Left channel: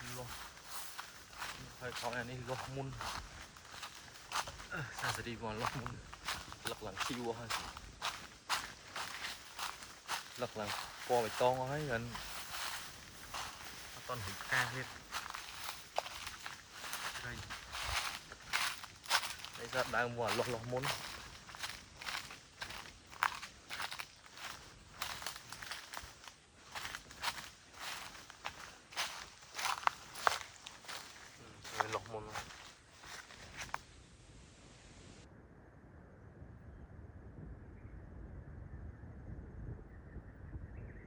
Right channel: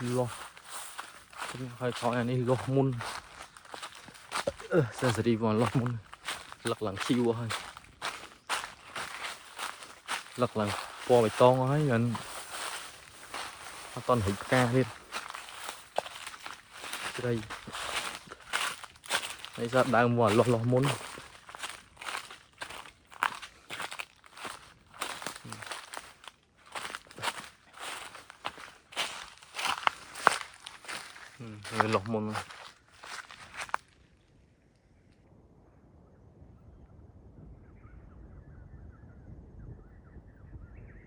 lo hay thọ này lo mun sẽ đi vào lo mun lật lằng chiêu hơn lật lằng po bê tông ấy lần toàn hụt ca đi đây ra đang vào lo mun lọc mun